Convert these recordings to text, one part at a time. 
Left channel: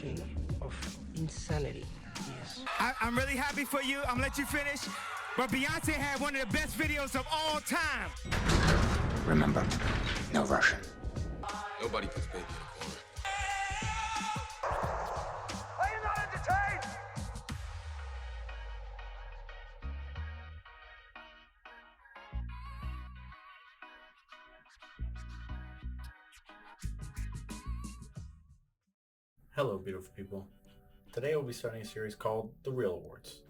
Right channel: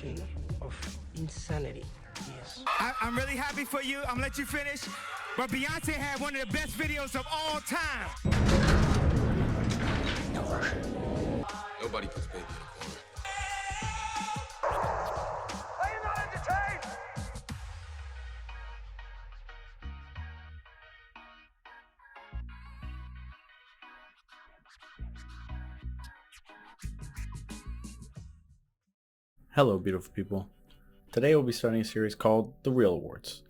definition of insanity is. I'm really happy for you. I'm gonna let you finish. But Beyonce had one of the best videos of all time. Remember, no Russian. Nobody puts baby in a corner. Are you not entertained? Hello beautiful people. Today we'll be starting a series called The Real Awards,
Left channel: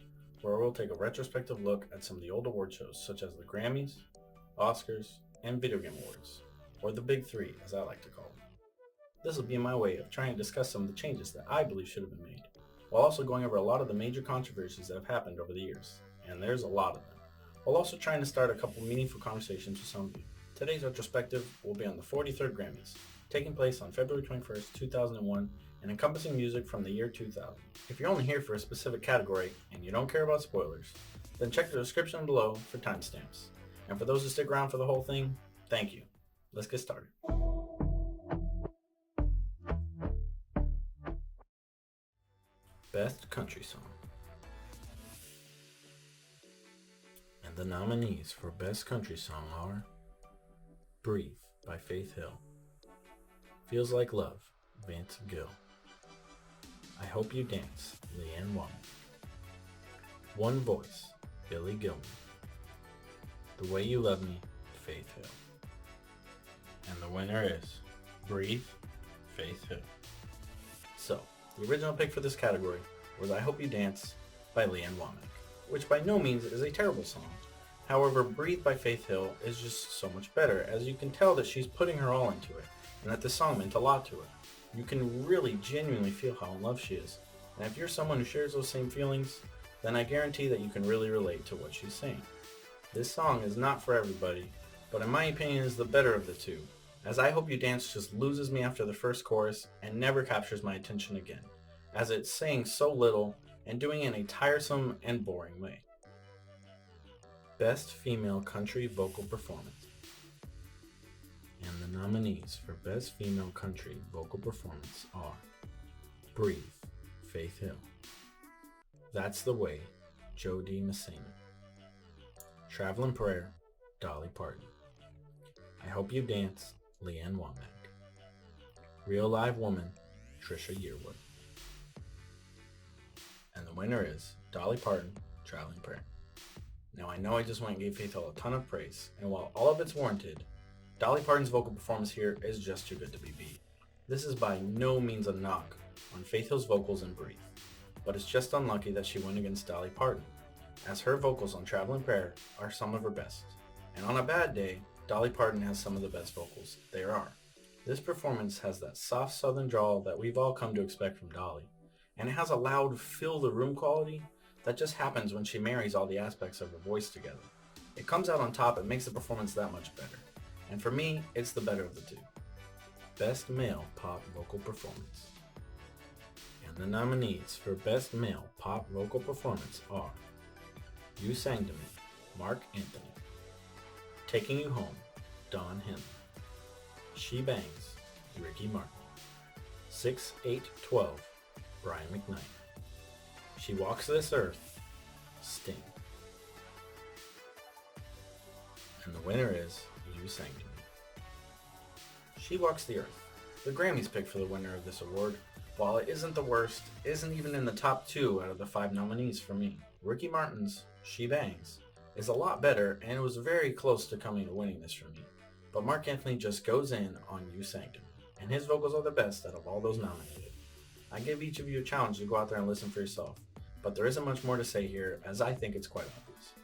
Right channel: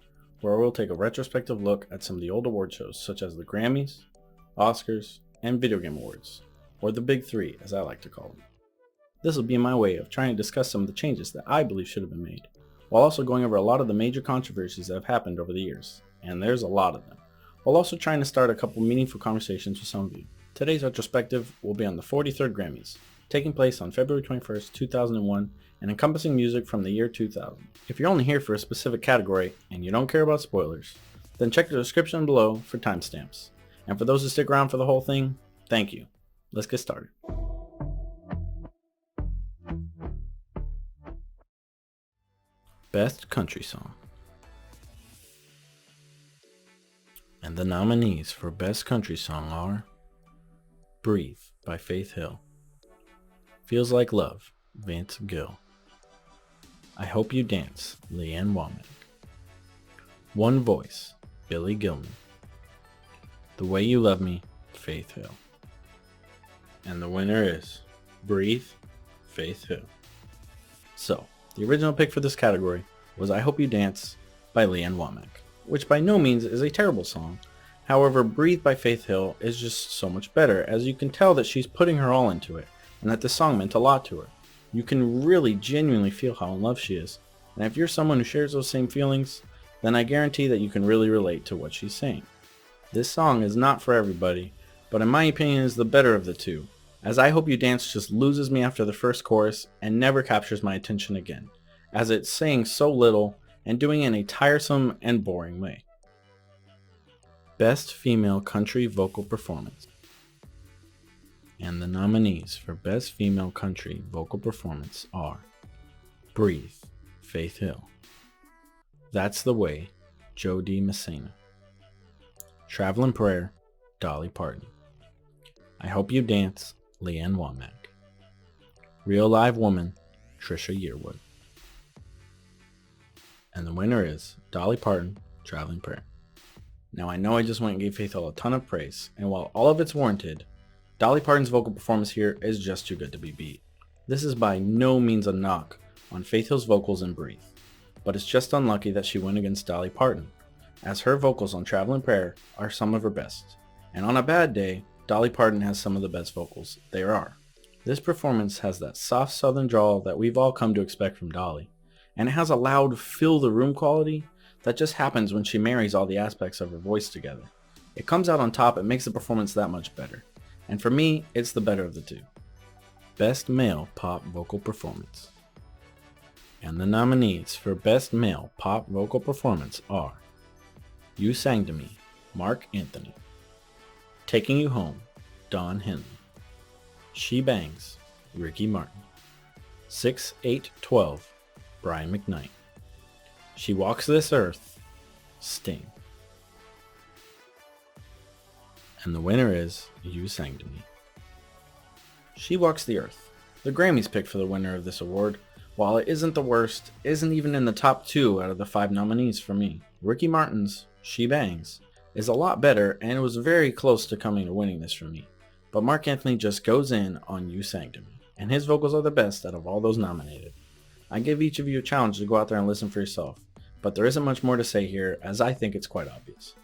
where we'll take a retrospective look at some of the old award shows such as the Grammys, Oscars, and Video Game Awards, or the Big Three as I like to call them. This will be my way of trying to discuss some of the changes that I believe should have been made, while also going over a lot of the major controversies that have happened over the years, and there's a lot of them, while also trying to start a couple meaningful conversations with some of you. Today's retrospective will be on the 43rd Grammys, taking place on February 21st, 2001, and encompassing music from the year 2000. If you're only here for a specific category and you don't care about spoilers, then check the description below for timestamps. And for those who stick around for the whole thing, thank you. Let's get started. Best Country Song. And the nominees for Best Country Song are Breathe by Faith Hill, Feels Like Love, Vince Gill, I Hope You Dance, Leanne Womack, One Voice, Billy Gilman, The Way You Love Me, Faith Hill. And the winner is Breathe, Faith Hill. So, the original pick for this category was I Hope You Dance by Leanne Womack, which by no means is a terrible song. However, Breathe by Faith Hill is just so much better, as you can tell that she's putting her all into it, and that this song meant a lot to her. You can really genuinely feel how in love she is, and if you're someone who shares those same feelings, then I guarantee that you can really relate to what she's saying. This song is not for everybody, but in my opinion is the better of the two, as I Hope You Dance just loses me after the first chorus and never captures my attention again, as it's saying so little and doing it in a tiresome and boring way. Best Female Country Vocal Performance. And the nominees for Best Female Country Vocal Performance are Breathe, Faith Hill, That's the Way, Jo Dee Messina, Travelin' Prayer, Dolly Parton, I Hope You Dance, Leanne Womack, Real Live Woman, Trisha Yearwood. And the winner is Dolly Parton, Travelin' Prayer. Now I know I just went and gave Faith Hill a ton of praise, and while all of it's warranted, Dolly Parton's vocal performance here is just too good to be beat. This is by no means a knock on Faith Hill's vocals in Breathe, but it's just unlucky that she went against Dolly Parton, as her vocals on Travelin' Prayer are some of her best, and on a bad day, Dolly Parton has some of the best vocals there are. This performance has that soft southern drawl that we've all come to expect from Dolly, and it has a loud fill the room quality that just happens when she marries all the aspects of her voice together. It comes out on top and makes the performance that much better. And for me, it's the better of the two. Best Male Pop Vocal Performance. And the nominees for Best Male Pop Vocal Performance are You Sang to Me, Mark Anthony, Taking You Home, Don Henley, She Bangs, Ricky Martin, 6-8-12, Brian McKnight, She Walks This Earth, Sting. And the winner is You Sang to Me. She Walks the Earth. The Grammys picked for the winner of this award. While it isn't the worst, isn't even in the top 2 out of the 5 nominees for me. Ricky Martin's She Bangs is a lot better, and it was very close to coming to winning this for me. But Mark Anthony just goes in on You Sang to Me, and his vocals are the best out of all those nominated. I give each of you a challenge to go out there and listen for yourself, but there isn't much more to say here, as I think it's quite obvious.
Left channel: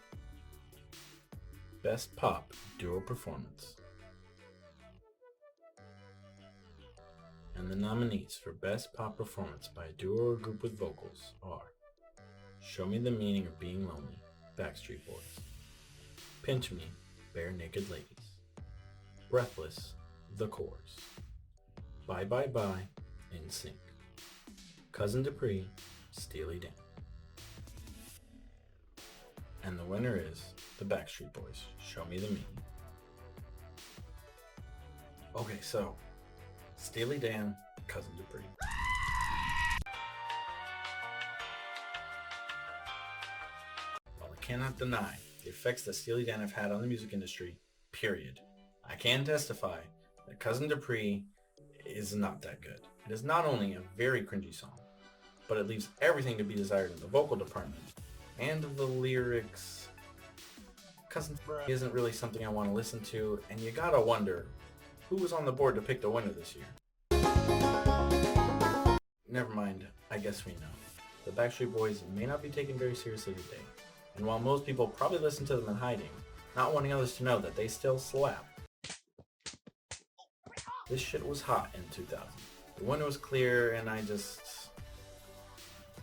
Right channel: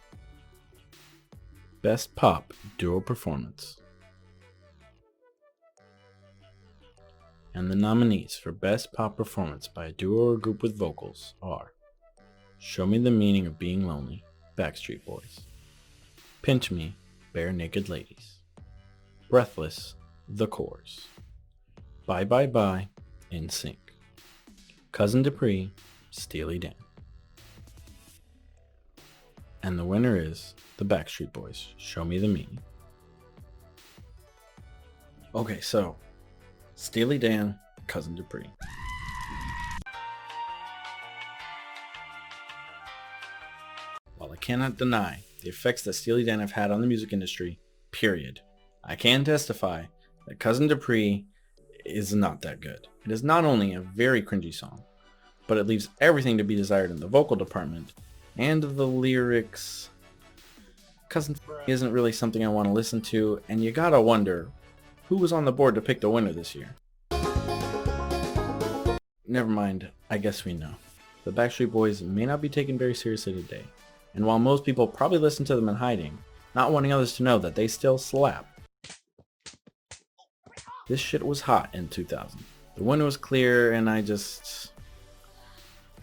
Best Pop Duo Performance. And the nominees for Best Pop Performance by a duo or group with vocals are Show Me the Meaning of Being Lonely, Backstreet Boys, Pinch Me, Bare Naked Ladies, Breathless, The Corrs, Bye Bye Bye, NSYNC, Cousin Dupree, Steely Dan. And the winner is the Backstreet Boys, Show Me the Meaning. Okay, so Steely Dan, Cousin Dupree. cannot deny the effects that Steely Dan have had on the music industry, period. I can testify that Cousin Dupree is not that good. It is not only a very cringy song, but it leaves everything to be desired in the vocal department, and the lyrics. Cousin isn't really something I want to listen to, and you gotta wonder, who was on the board to pick the winner this year? Never mind, I guess we know. The Backstreet Boys may not be taken very seriously today, and while most people probably listen to them in hiding, not wanting others to know that they still slap. This shit was hot in 2000. The winner was clear, and I just...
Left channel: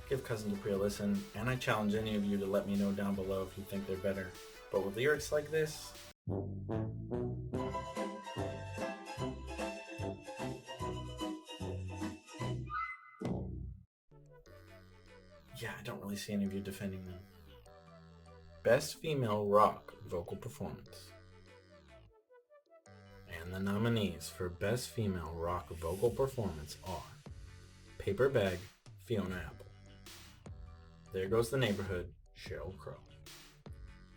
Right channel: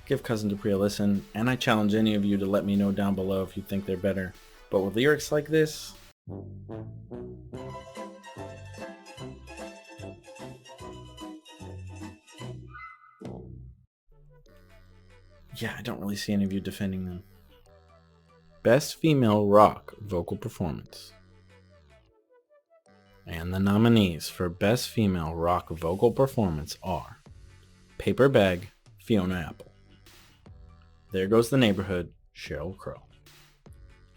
give Cousin Dupree a listen, and I challenge any of you to let me know down below if you think they're better. But with lyrics like this... yeah, I don't really see any of you defending them. Best Female Rock Vocal Performance. And the nominees for Best Female Rock Vocal Performance are Paper Bag, Fiona Apple. There Goes the Neighborhood, Sheryl Crow.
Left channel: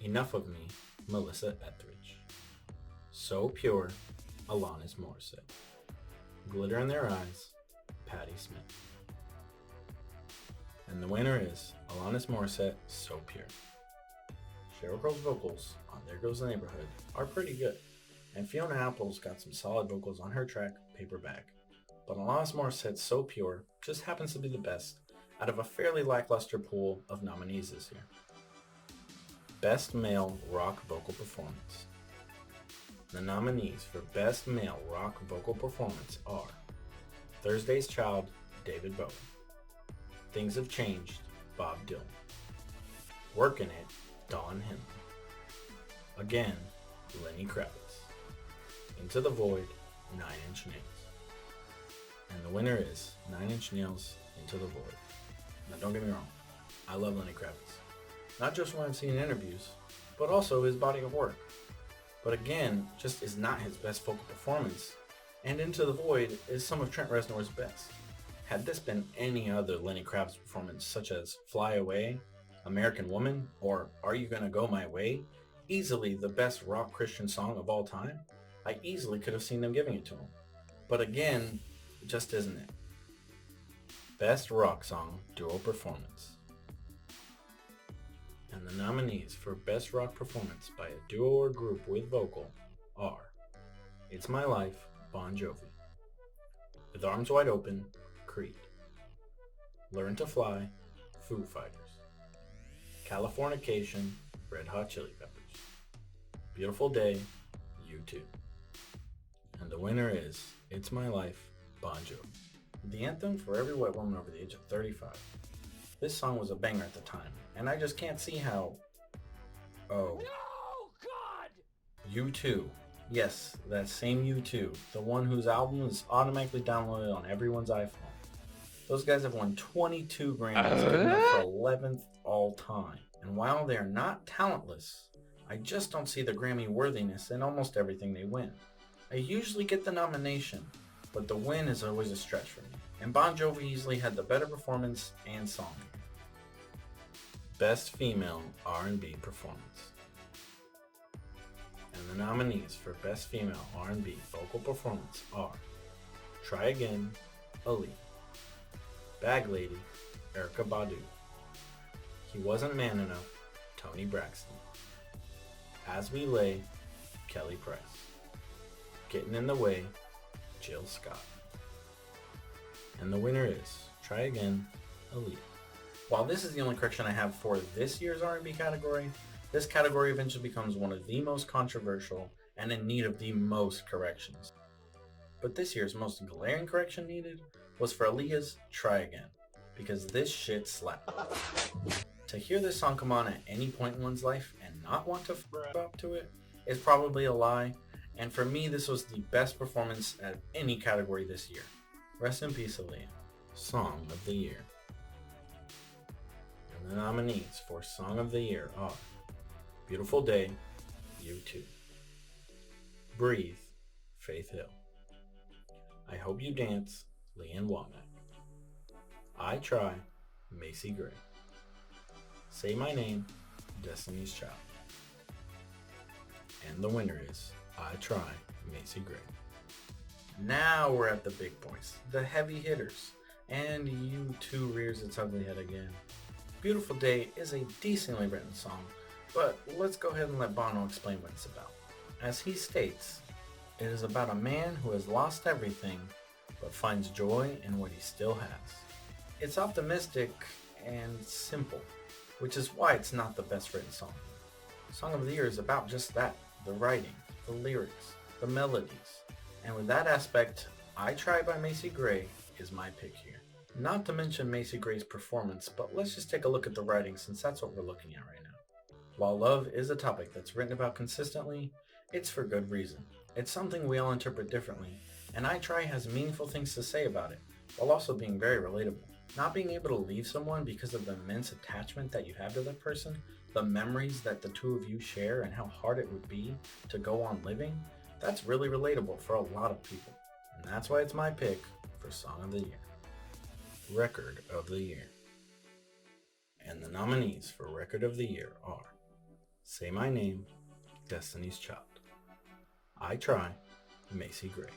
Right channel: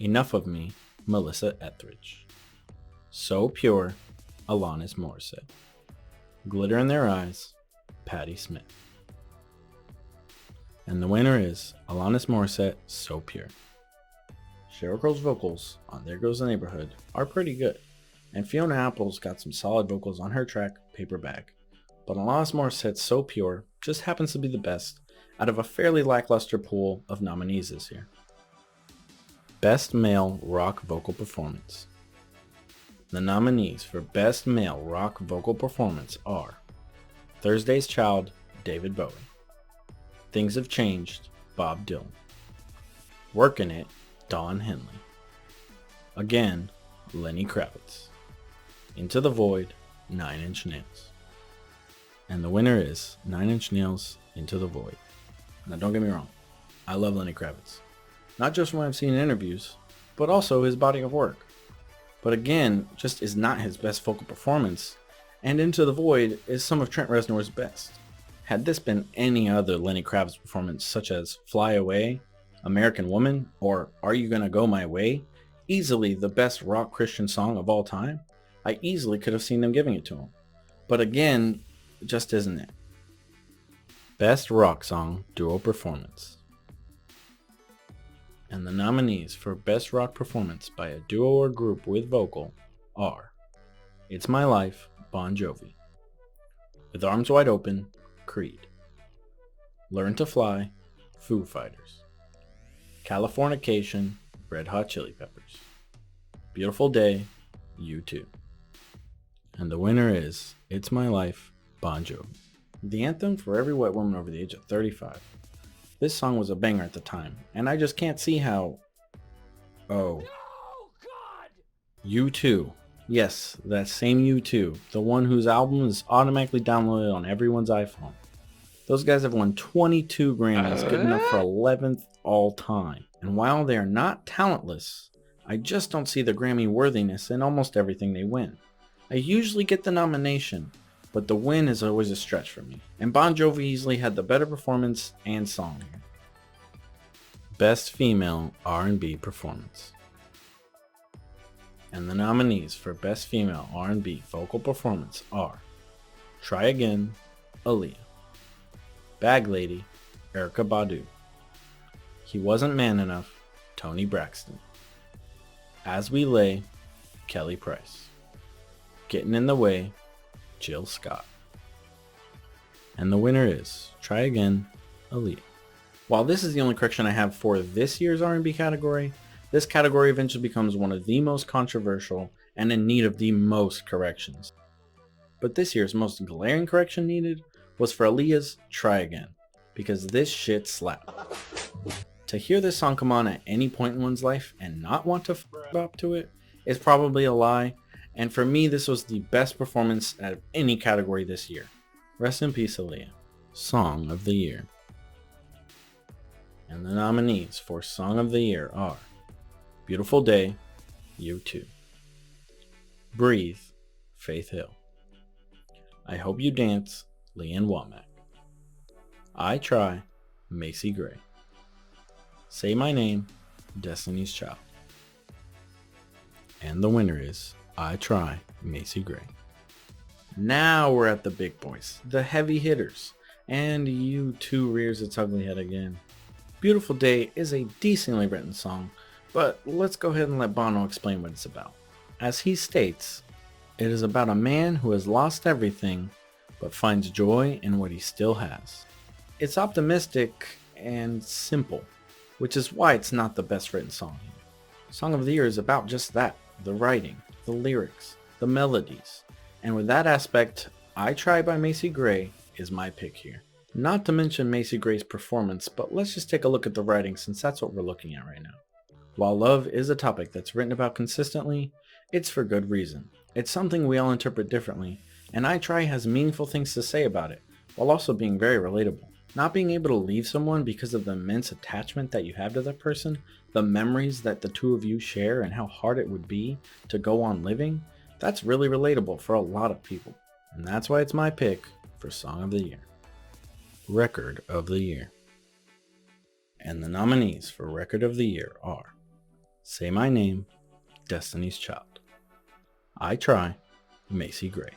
Enough of Me, Melissa Etheridge. So Pure, Alanis Morissette. Glitter in Their Eyes, Patti Smith. And the winner is Alanis Morissette, So Pure. Sheryl Crow's vocals on There Goes the Neighborhood are pretty good, and Fiona Apple's got some solid vocals on her track, Paper Bag. But Alanis Morissette's So Pure just happens to be the best out of a fairly lackluster pool of nominees this year. Best Male Rock Vocal Performance. The nominees for Best Male Rock Vocal Performance are Thursday's Child, David Bowie. Things Have Changed, Bob Dylan. Workin' It, Don Henley. Again, Lenny Kravitz. Into the Void, 9 Inch Nails. And the winner is 9 Inch Nails, Into the Void. Now don't get me wrong, I love Lenny Kravitz. Not just when I've seen interviews, but also his body of work. But again, just is not his best vocal performance, and Into the Void is some of Trent Reznor's best. Had this been any other Lenny Kravitz performance such as Fly Away, American Woman, or Are You Gonna Go My Way, easily the best rock Christian song of all time, I easily could have seen them giving it to him. But again, just isn't it. Best Rock Song Duo Performance. And the nominees for Best Rock Performance by a duo or group with vocal are It's My Life, Bon Jovi. With Arms Wide Open, Creed. Learn to Fly, Foo Fighters. Californication, Red Hot Chili Peppers. Beautiful Day, U2. And the winner is It's My Life, Bon Jovi. The anthem for every white woman over the age of 35. This song was a banger at the time, and I just can't see how... oh. No, God! U2. Yes, that same U2, the one whose album is automatically downloaded on everyone's iPhone. Those guys have won 22 Grammys, getting up for 11th all time. And while they are not talentless, I just don't see the Grammy worthiness in almost everything they win. I usually get the nomination, but the win is always a stretch for me. And Bon Jovi easily had the better performance and song here. Best Female R&B Performance. And the nominees for Best Female R&B Vocal Performance are Try Again, Aaliyah. Bag Lady, Erykah Badu. He Wasn't Man Enough, Toni Braxton. As We Lay, Kelly Price. Getting in the Way, Jill Scott. And the winner is Try Again, Aaliyah. While this is the only correction I have for this year's R&B category, this category eventually becomes one of the most controversial and in need of the most corrections. But this year's most glaring correction needed was for Aaliyah's Try Again, because this shit slapped. To hear this song come on at any point in one's life and not want to f up to it is probably a lie, and for me this was the best performance out of any category this year. Rest in peace, Aaliyah. Song of the Year. And the nominees for Song of the Year are Beautiful Day, U2. Breathe, Faith Hill. I Hope You Dance, Leanne Womack. I Try, Macy Gray. Say My Name, Destiny's Child. And the winner is I Try, Macy Gray. Now we're at the big boys, the heavy hitters. And U2 rears its ugly head again. Beautiful Day is a decently written song, but let's go ahead and let Bono explain what it's about. As he states, it is about a man who has lost everything, but finds joy in what he still has. It's optimistic and simple, which is why it's not the best written song. Song of the Year is about just that, the writing, the lyrics, the melodies. And with that aspect, I Try by Macy Gray is my pick here. Not to mention Macy Gray's performance, but let's just take a look at the writing since that's what we're looking at right now. While love is a topic that's written about consistently, it's for good reason. It's something we all interpret differently, and I Try has meaningful things to say about it, while also being very relatable. Not being able to leave someone because of the immense attachment that you have to that person, the memories that the two of you share and how hard it would be to go on living, that's really relatable for a lot of people. And that's why it's my pick for Song of the Year. Record of the Year. And the nominees for Record of the Year are Say My Name, Destiny's Child. I Try, Macy Gray.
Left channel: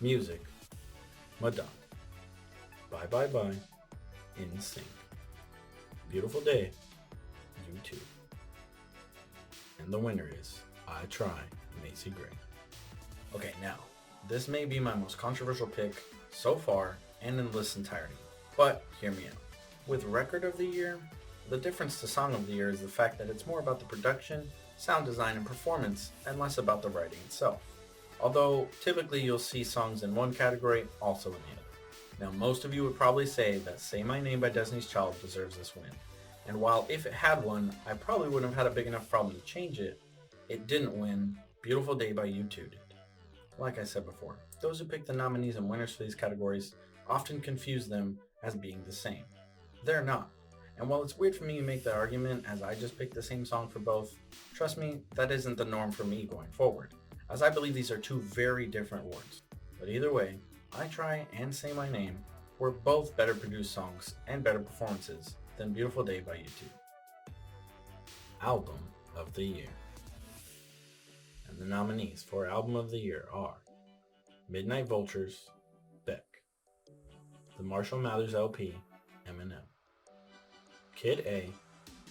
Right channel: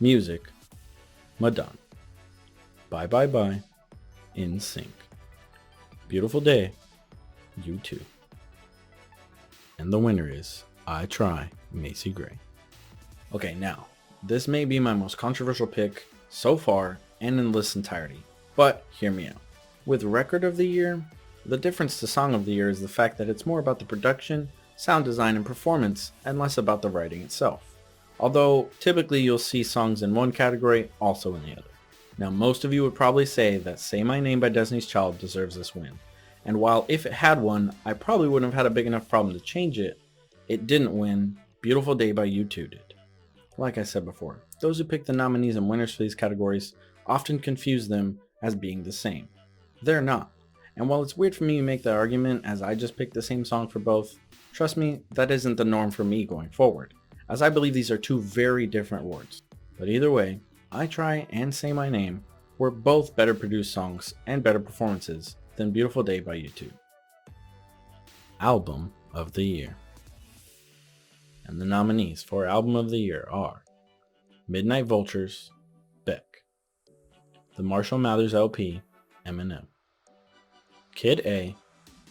Music, Madonna. Bye Bye Bye, In Sync. Beautiful Day, U2. And the winner is I Try, Macy Gray. Okay, now, this may be my most controversial pick so far and in this entirety, but hear me out. With Record of the Year, the difference to Song of the Year is the fact that it's more about the production, sound design, and performance, and less about the writing itself. Although, typically you'll see songs in one category, also in the other. Now, most of you would probably say that Say My Name by Destiny's Child deserves this win. And while if it had won, I probably wouldn't have had a big enough problem to change it, it didn't win. Beautiful Day by U2 did. Like I said before, those who pick the nominees and winners for these categories often confuse them as being the same. They're not. And while it's weird for me to make the argument as I just picked the same song for both, trust me, that isn't the norm for me going forward, as I believe these are two very different awards. But either way, I Try and Say My Name were both better produced songs and better performances than Beautiful Day by U2. Album of the Year. And the nominees for Album of the Year are Midnight Vultures, Beck. The Marshall Mathers LP, Eminem. Kid A,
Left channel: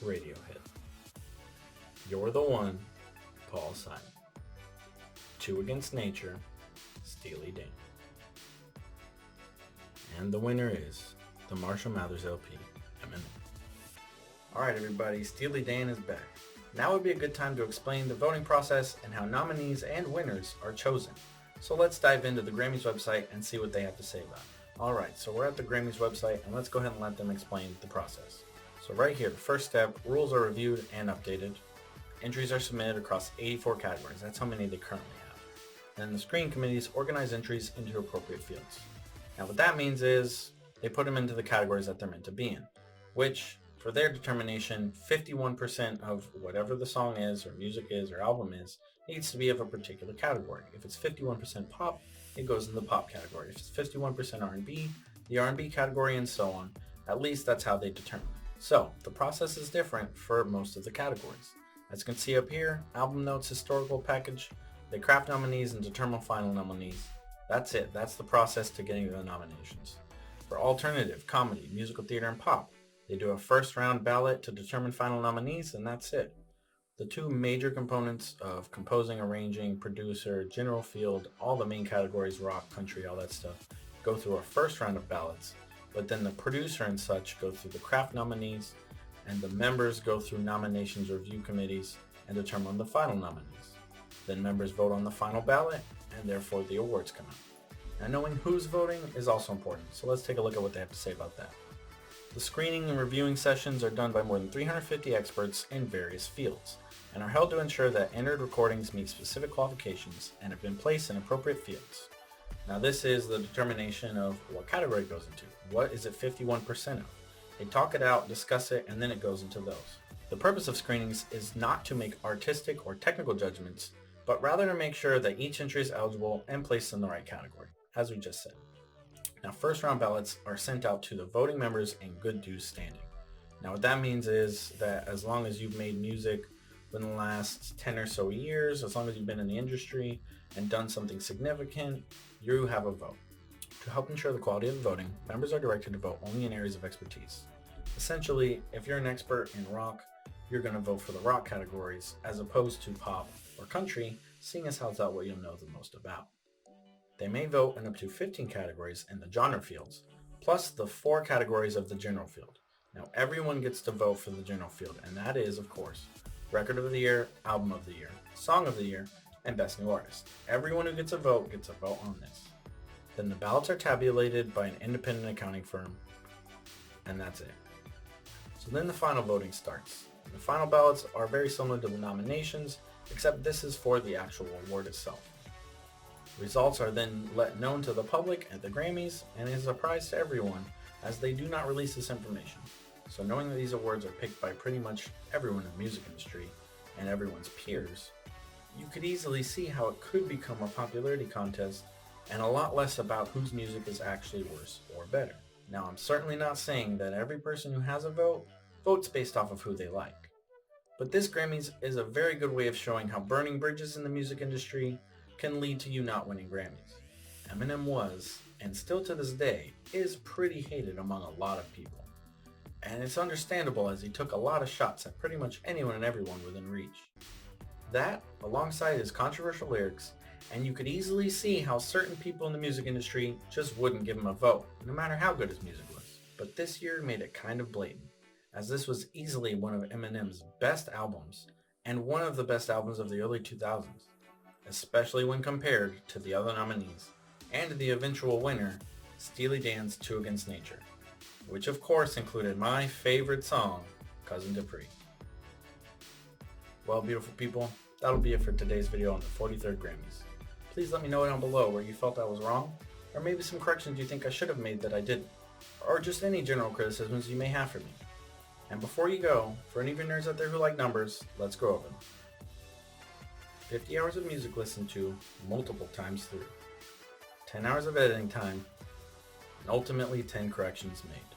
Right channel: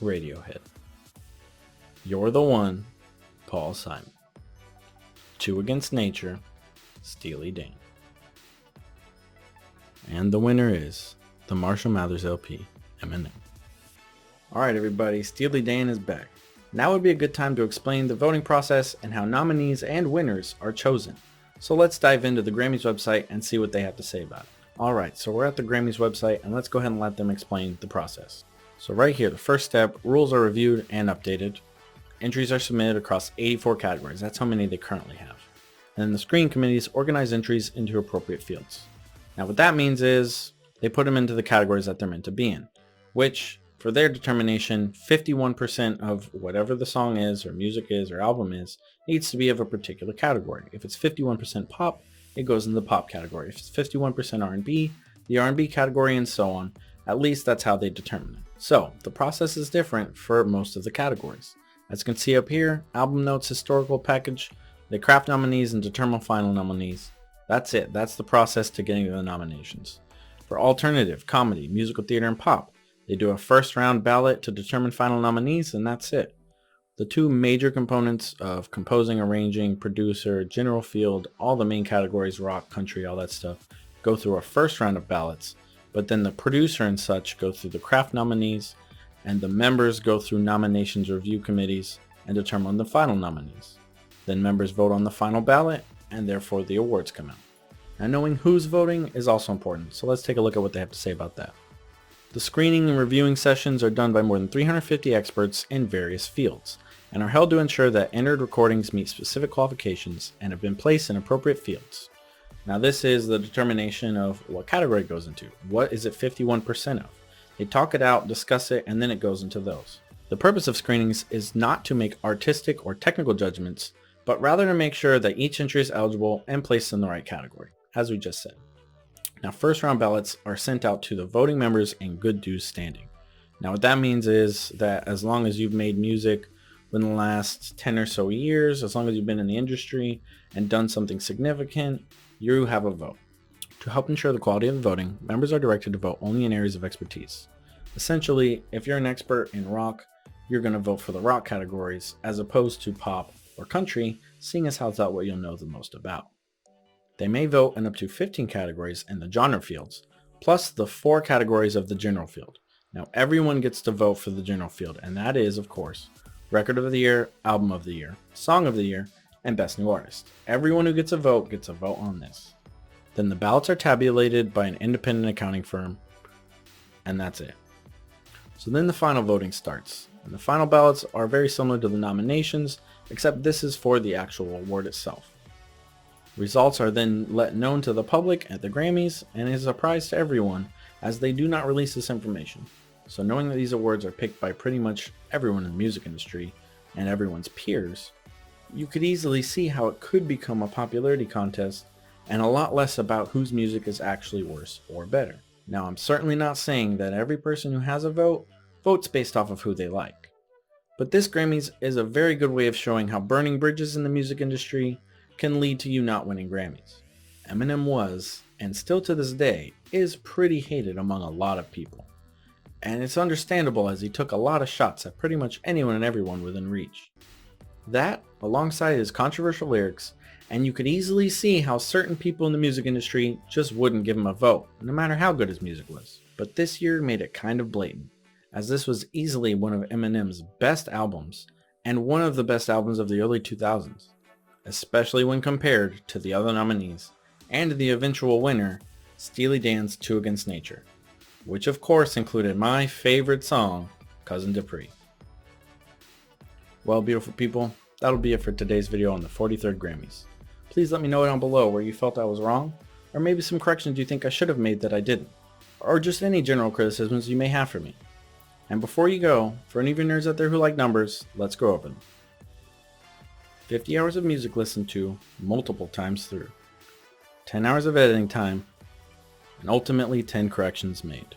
Radiohead. You're the One, Paul Simon. Two Against Nature, Steely Dan. And the winner is the Marshall Mathers LP, Eminem. Alright everybody, Steely Dan is back. Now would be a good time to explain the voting process and how nominees and winners are chosen. So let's dive into the Grammys website and see what they have to say about it. Alright, so we're at the Grammys website and let's go ahead and let them explain the process. So right here, the first step, rules are reviewed and updated. Entries are submitted across 84 categories. That's how many they currently have. And then the screening committees organize entries into appropriate fields. Now what that means is they put them into the categories that they're meant to be in, which for their determination, 51% of whatever the song is or music is or album is needs to be of a particular category. If it's 51% pop, it goes in the pop category. If it's 51% R&B, the R&B category, and so on. At least that's how they determine it. So the process is different for most of the categories. As you can see up here, album notes, historical package, they craft nominees and determine final nominees. That's it. That's the process to getting to the nominations. For alternative, comedy, musical theater, and pop, they do a first round ballot to determine final nominees, and that's it. The two major components of composing, arranging, producer, general field, all the main categories, rock, country, all that stuff, go through a first round of ballots, but then the producer and such go through the craft nominees, and the members go through nominations review committees and determine the final nominees. Then members vote on the final ballot, and therefore the awards come out. Now knowing who's voting is also important, so let's take a look at what they have to say about that. The screening and reviewing sessions are done by more than 350 experts in various fields, and are held to ensure that entered recordings meet specific qualifications and have been placed in appropriate fields. Now this is the determination of what category it goes into. What is it 51% of? They talk it out, discuss it, and then it goes into those. The purpose of screenings is not to make artistic or technical judgments, but rather to make sure that each entry is eligible and placed in the right category, as we just said. Now first round ballots are sent out to the voting members in good due standing. Now what that means is that as long as you've made music within the last 10 or so years, as long as you've been in the industry and done something significant, you have a vote. To help ensure the quality of the voting, members are directed to vote only in areas of expertise. Essentially, if you're an expert in rock, you're going to vote for the rock categories as opposed to pop or country, seeing as how it's not what you'll know the most about. They may vote in up to 15 categories in the genre fields, plus the 4 categories of the general field. Now everyone gets to vote for the general field, and that is, of course, Record of the Year, Album of the Year, Song of the Year, and Best New Artist. Everyone who gets a vote on this. Then the ballots are tabulated by an independent accounting firm, and that's it. So then the final voting starts. And the final ballots are very similar to the nominations, except this is for the actual award itself. Results are then let known to the public at the Grammys and is a surprise to everyone as they do not release this information. So knowing that these awards are picked by pretty much everyone in the music industry and everyone's peers, you could easily see how it could become a popularity contest and a lot less about whose music is actually worse or better. Now I'm certainly not saying that every person who has a vote votes based off of who they like. But this Grammys is a very good way of showing how burning bridges in the music industry can lead to you not winning Grammys. Eminem was, and still to this day, is pretty hated among a lot of people. And it's understandable as he took a lot of shots at pretty much anyone and everyone within reach. That, alongside his controversial lyrics, and you could easily see how certain people in the music industry just wouldn't give him a vote, no matter how good his music was. But this year made it kind of blatant, as this was easily one of Eminem's best albums, and one of the best albums of the early 2000s, especially when compared to the other nominees, and the eventual winner, Steely Dan's Two Against Nature, which of course included my favorite song, Cousin Dupree. Well, beautiful people, that'll be it for today's video on the 43rd Grammys. Please let me know down below where you felt I was wrong, or maybe some corrections you think I should have made that I didn't, or just any general criticisms you may have for me. And before you go, for any of you nerds out there who like numbers, let's go over them. 50 hours of music listened to multiple times through, 10 hours of editing time, and ultimately 10 corrections made.